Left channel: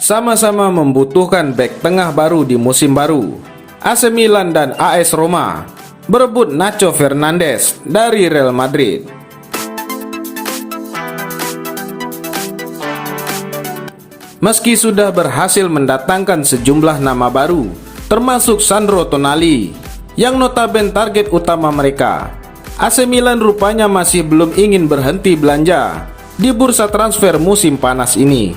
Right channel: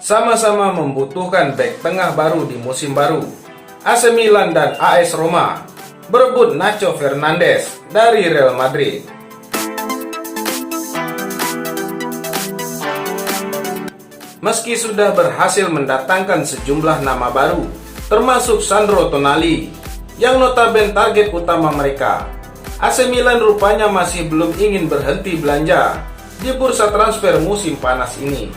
Sama-sama membutuhkan bek tengah baru di musim baru. AC Milan dan AS Roma berebut Nacho Fernandes dari Real Madrid. Meski sudah berhasil mendatangkan sejumlah nama baru, termasuk Sandro Tonali, yang notabene target utama mereka, AC Milan rupanya masih belum ingin berhenti belanja di bursa transfer musim panas ini.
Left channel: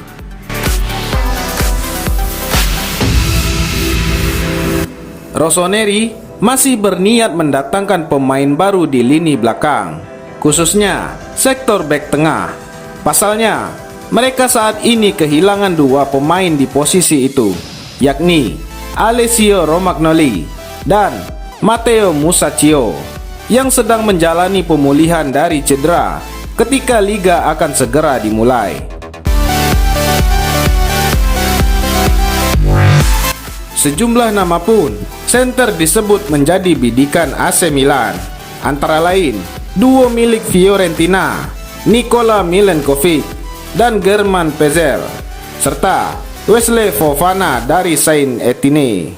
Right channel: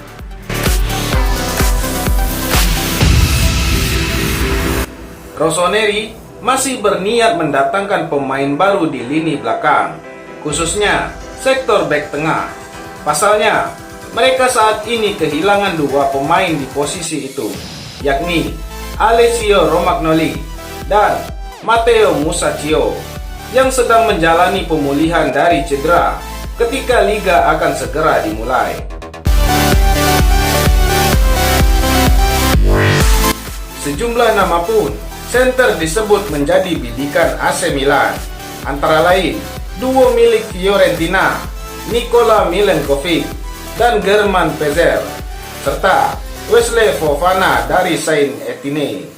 Rossoneri masih berniat mendatangkan pemain baru di lini belakang, khususnya sektor bek tengah. Pasalnya, mereka saat ini kehilangan dua pemain di posisi itu, yakni Alessio Romagnoli dan Matteo Musacchio, yang sedang menjalani pemulihan dari cedera ketika liga akan segera dimulai. Sejumlah nama pun center disebut menjadi bidikan AC Milan, antara lain duo milik Fiorentina, Nikola Milenkovic dan German Pezel, serta Wesley Fofana dari Saint Etienne.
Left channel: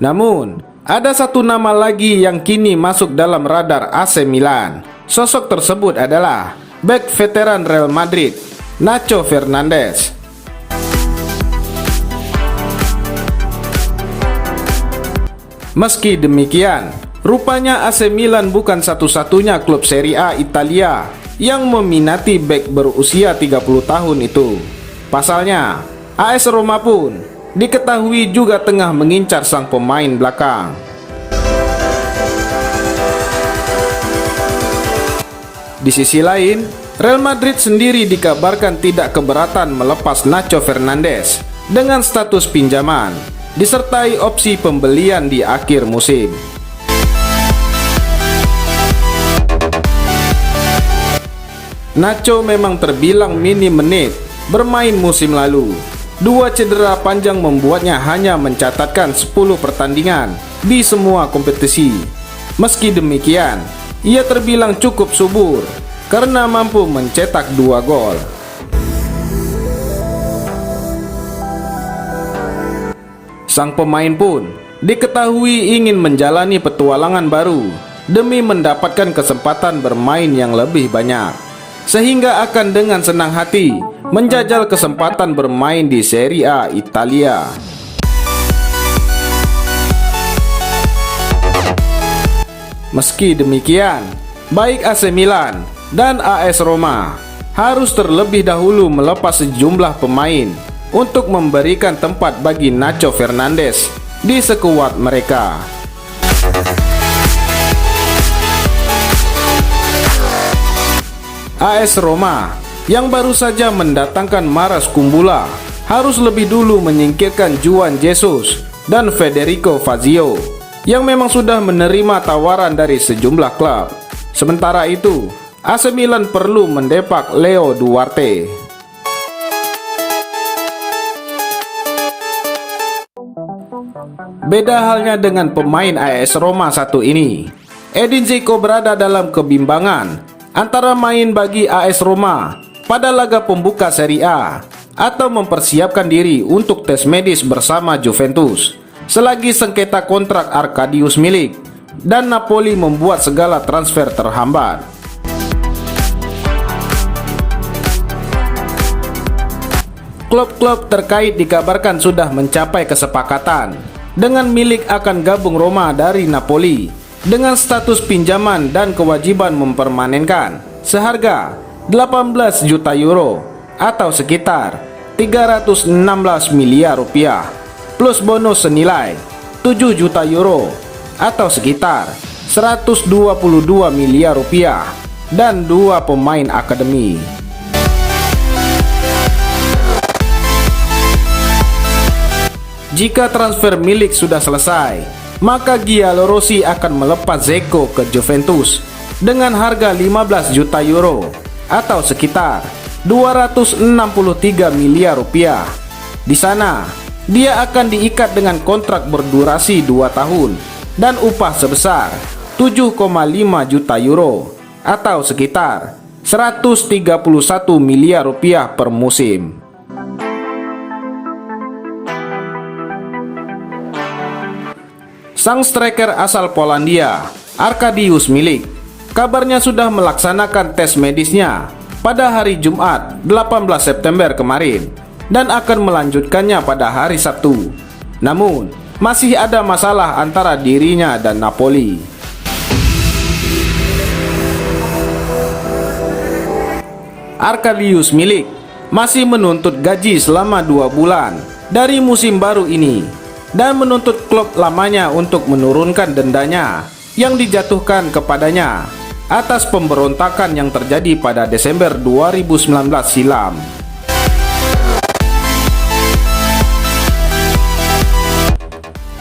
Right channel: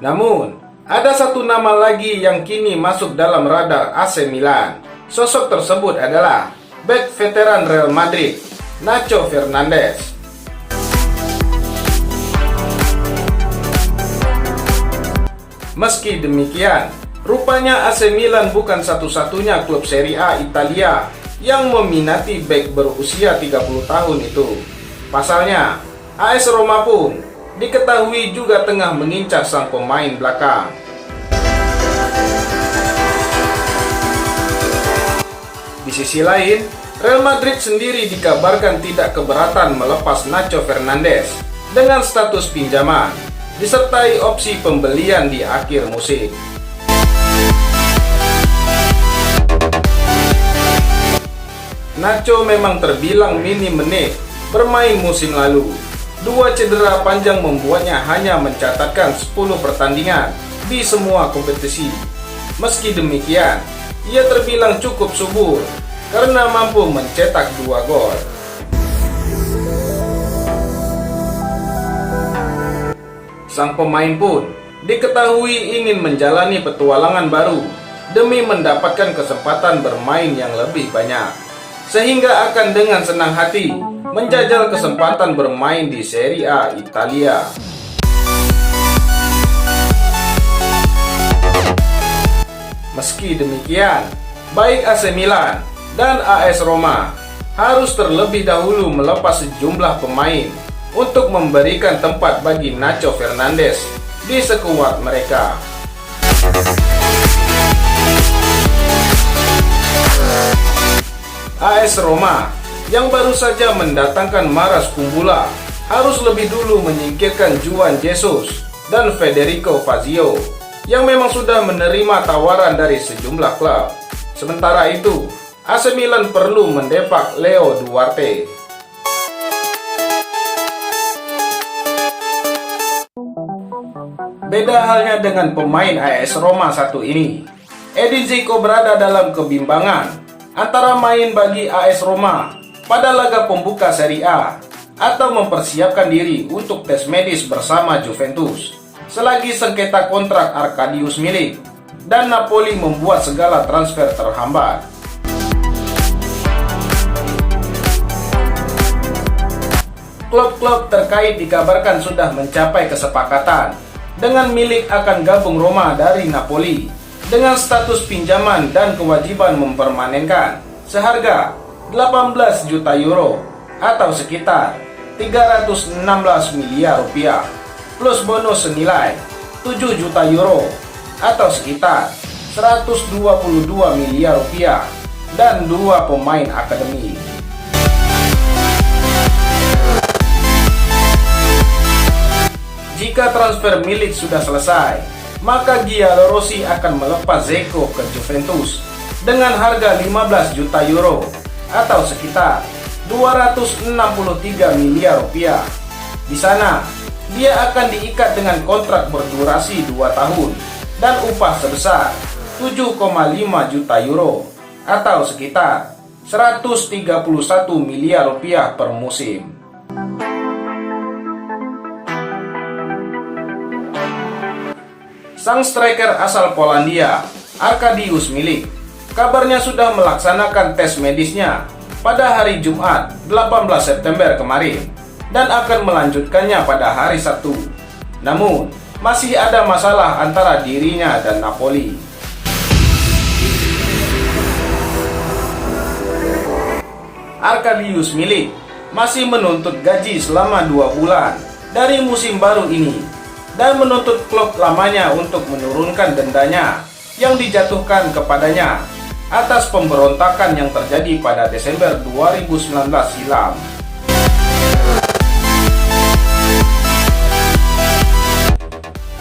Namun, ada satu nama lagi yang kini masuk dalam radar AC Milan. Sosok tersebut adalah bek veteran Real Madrid, Nacho Fernandes. Meski demikian, rupanya AC Milan bukan satu-satunya klub Serie A Italia yang meminati bek berusia 30 tahun itu. Pasalnya, AS Roma pun diketahui juga tengah mengincar sang pemain belakang. Di sisi lain, Real Madrid sendiri dikabarkan tidak keberatan melepas Nacho Fernandes dengan status pinjaman, disertai opsi pembelian di akhir musim. Nacho memang terbilang minim menit bermain musim lalu. Dua cedera panjang membuatnya hanya mencatatkan 10 pertandingan di semua kompetisi. Meski demikian, ia terbilang cukup subur karena mampu mencetak 2 gol. Sang pemain pun diketahui ingin menjalani petualangan baru demi mendapatkan kesempatan bermain yang lebih banyak, sehingga akan dengan senang hati menjajal kesempatan bermain di Serie A Italia. Meski demikian, baik AC Milan dan AS Roma harus terlebih dahulu melepas sejumlah pemain untuk memberikan tempat bagi Nacho Fernandes di skuad mereka. AS Roma yang baru saja mendatangkan Maras Kumbula harus lebih dulu menyingkirkan Juan Jesus dan Federico Fazio yang memang sudah menerima tawaran dari sejumlah klub. Sementara itu, AC Milan perlu mendepak Leo Duarte. Beda halnya dengan pemain AS Roma satu ini. Edin Dzeko berada dalam kebimbangan antara main bagi AS Roma pada laga pembuka Serie A atau mempersiapkan diri untuk tes medis bersama Juventus selagi sengketa kontrak Arkadiusz Milik dan Napoli membuat segala transfer terhambat. Klub-klub terkait dikabarkan sudah mencapai kesepakatan dengan Milik akan gabung Roma dari Napoli dengan status pinjaman dan kewajiban mempermanenkan seharga 18 juta euro atau sekitar 316 miliar rupiah plus bonus senilai 7 juta euro atau sekitar 122 miliar rupiah dan 2 pemain akademi. Jika transfer Milik sudah selesai, maka Giallorossi akan melepas Dzeko ke Juventus dengan harga 15 juta euro atau sekitar 263 miliar rupiah. Di sana, dia akan diikat dengan kontrak berdurasi 2 tahun dan upah sebesar 7,5 juta euro atau sekitar 131 miliar rupiah per musim. Sang striker asal Polandia, Arkadiusz Milik, kabarnya sudah melaksanakan tes medisnya pada hari Jumat 18 September kemarin dan akan melanjutkannya pada hari Sabtu. Namun, masih ada masalah antara dirinya dan Napoli. Arkadiusz Milik masih menuntut gaji selama 2 bulan dari musim baru ini dan menuntut klub lamanya untuk menurunkan dendanya yang dijatuhkan kepadanya atas pemberontakan yang terjadi pada Desember 2019 silam.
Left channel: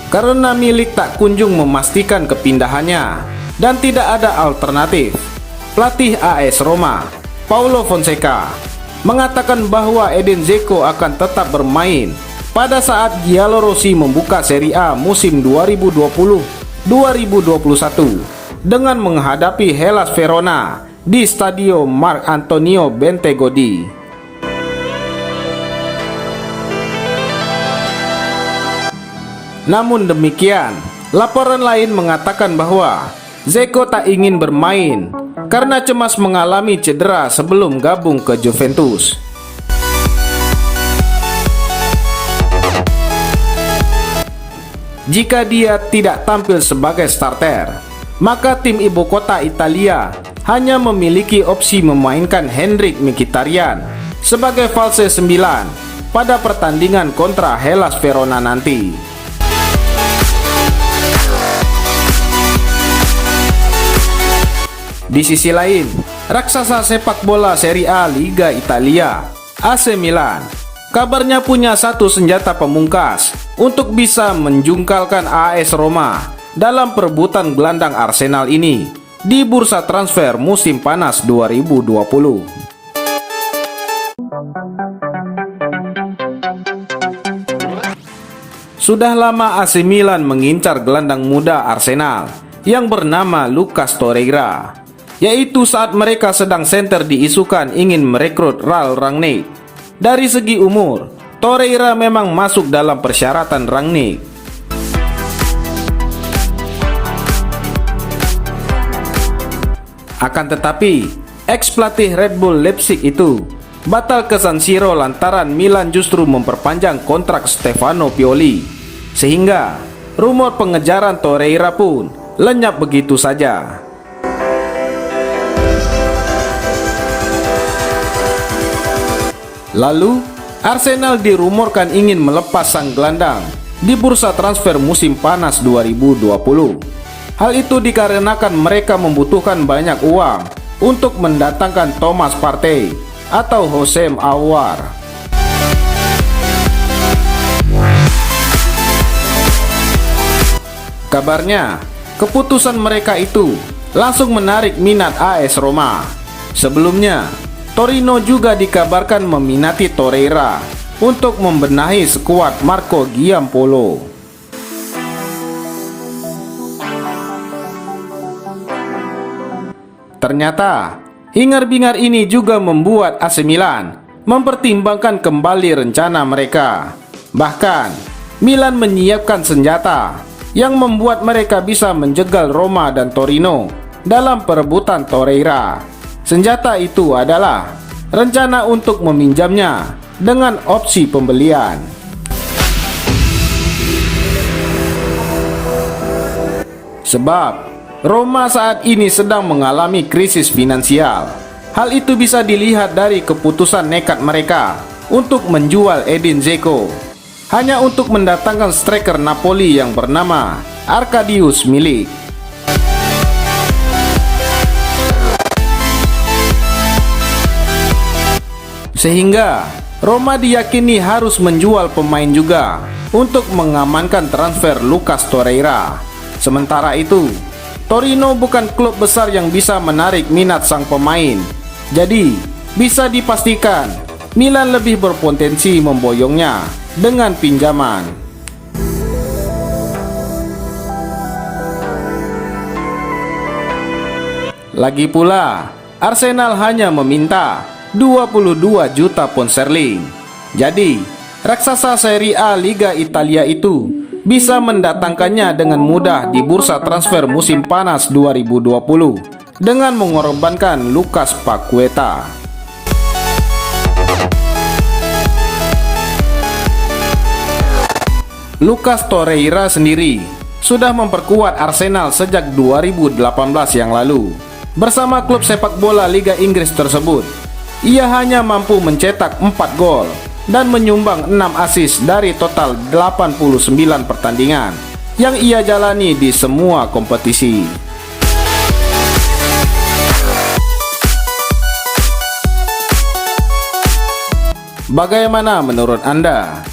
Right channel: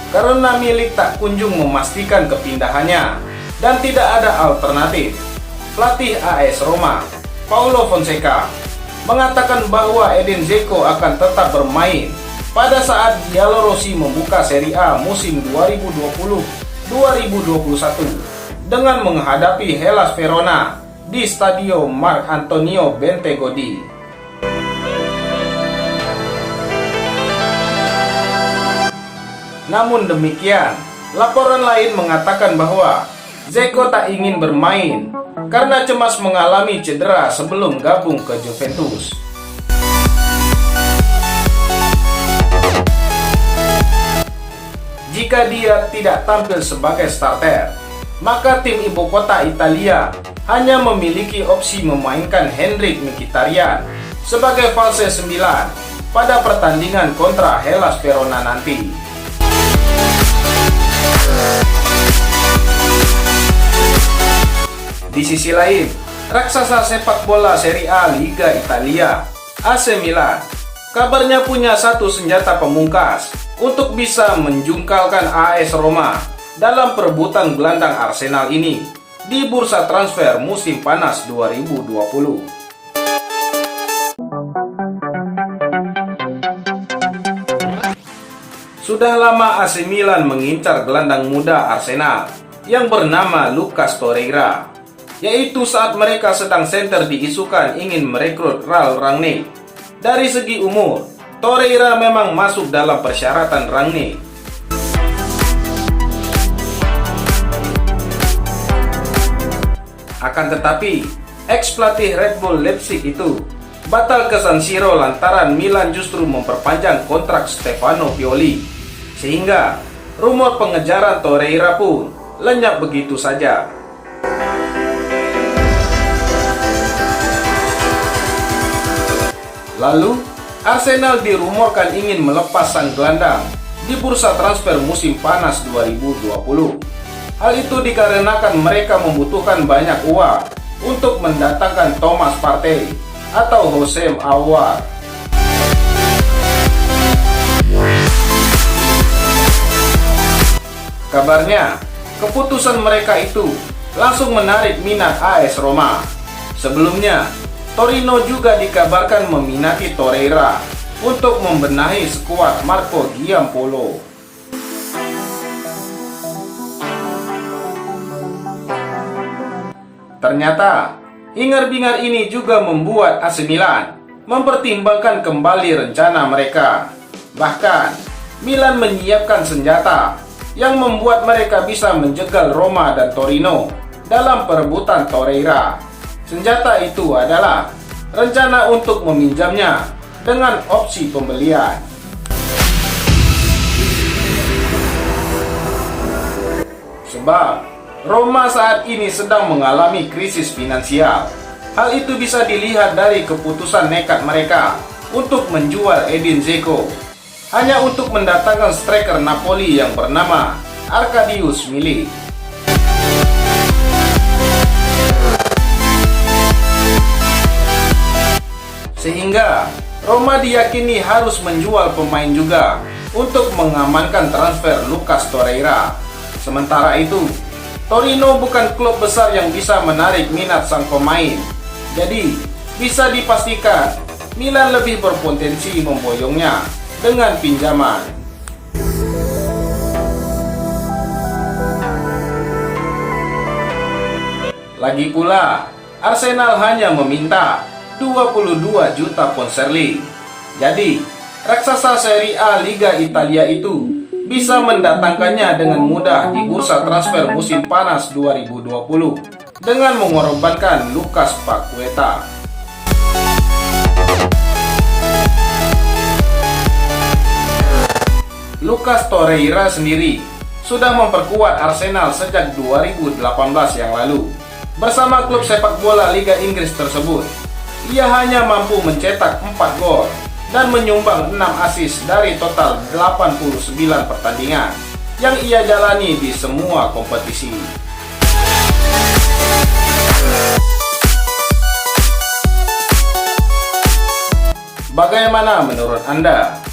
Karena Milik tak kunjung memastikan kepindahannya dan tidak ada alternatif, pelatih AS Roma, Paulo Fonseca, mengatakan bahwa Edin Dzeko akan tetap bermain pada saat Giallorossi membuka Serie A musim 2020-2021 dengan menghadapi Hellas Verona di Stadio Marc Antonio Bentegodi. Namun demikian, laporan lain mengatakan bahwa Dzeko tak ingin bermain karena cemas mengalami cedera sebelum gabung ke Juventus. Jika dia tidak tampil sebagai starter, maka tim ibu kota Italia hanya memiliki opsi memainkan Henrikh Mkhitaryan sebagai false 9 pada pertandingan kontra Hellas Verona nanti. Di sisi lain, raksasa sepak bola Serie A Liga Italia, AC Milan, kabarnya punya satu senjata pemungkas untuk bisa menjungkalkan AS Roma dalam perebutan gelandang Arsenal ini di bursa transfer musim panas 2020. Sudah lama AC Milan mengincar gelandang muda Arsenal yang bernama Lucas Torreira, yaitu saat mereka sedang senter diisukan ingin merekrut Ralf Rangnick. Dari segi umur, Torreira memang masuk dalam persyaratan Rangnick. Akan tetapi, ex-pelatih Red Bull Leipzig itu batal ke San Siro lantaran Milan justru memperpanjang kontrak Stefano Pioli, sehingga rumor pengejaran Torreira pun lenyap begitu saja. Lalu, Arsenal dirumorkan ingin melepas sang gelandang di bursa transfer musim panas 2020. Hal itu dikarenakan mereka membutuhkan banyak uang untuk mendatangkan Thomas Partey atau Houssem Aouar. Kabarnya, keputusan mereka itu langsung menarik minat AS Roma. Sebelumnya, Torino juga dikabarkan meminati Torreira untuk membenahi skuad Marco Giampolo. Ternyata, hingar-bingar ini juga membuat AC Milan mempertimbangkan kembali rencana mereka. Bahkan, Milan menyiapkan senjata yang membuat mereka bisa menjegal Roma dan Torino dalam perebutan Torreira. Senjata itu adalah rencana untuk meminjamnya dengan opsi pembelian. Sebab Roma saat ini sedang mengalami krisis finansial. Hal itu bisa dilihat dari keputusan nekat mereka untuk menjual Edin Dzeko hanya untuk mendatangkan striker Napoli yang bernama Arkadiusz Milik. Sehingga Roma diyakini harus menjual pemain juga untuk mengamankan transfer Lucas Torreira. Sementara itu, Torino bukan klub besar yang bisa menarik minat sang pemain. Jadi, bisa dipastikan Milan lebih berpotensi memboyongnya dengan pinjaman. Lagi pula, Arsenal hanya meminta 22 juta pound sterling. Jadi, raksasa Serie A Liga Italia itu bisa mendatangkannya dengan mudah di bursa transfer musim panas 2020 dengan mengorbankan Lucas Paqueta. Lucas Torreira sendiri sudah memperkuat Arsenal sejak 2018 yang lalu. Bersama klub sepak bola Liga Inggris tersebut, ia hanya mampu mencetak 4 gol dan menyumbang 6 assist dari total 89 pertandingan yang ia jalani di semua kompetisi. Bagaimana menurut Anda?